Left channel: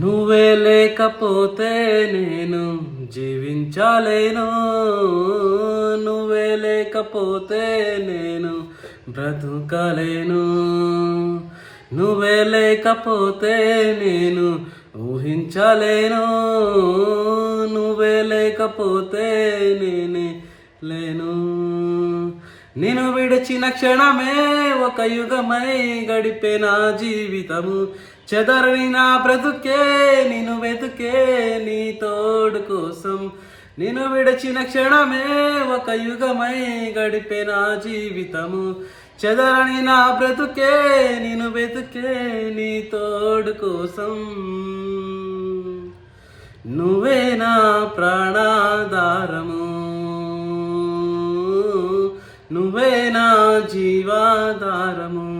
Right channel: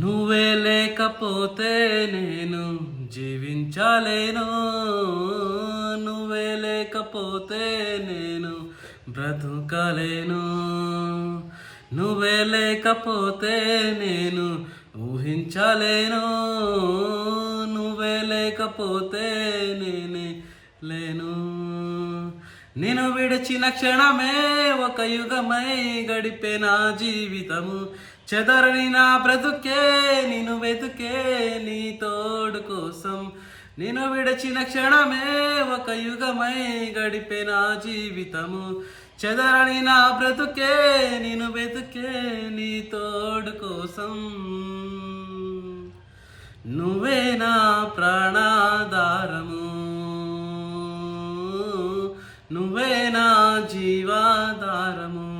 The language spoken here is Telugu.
నువ్వే లేకపోతే నేను జీవించలేను, నువ్వే లేకపోతే నేను బ్రతుకలేను, నువ్వే లేకపోతే నేను ఊహించలేను, నువ్వే లేకపోతే నేనే లేను. నిన్ను విడిచిన క్షణమే ఒక యుగమై గడిపే నా జీవితము, చెదరని నా బ్రతుకే నిన్ను వెతుకే నీ తోడు కోసం. నిన్ను విడిచిన క్షణమే ఒక యుగమై గడిపే నా జీవితము, చెదరని నా బ్రతుకే నిన్ను వెతుకే నీ తోడు కోసం. నువ్వే నా ప్రాణాధారము, నువ్వే నా జీవాధారము.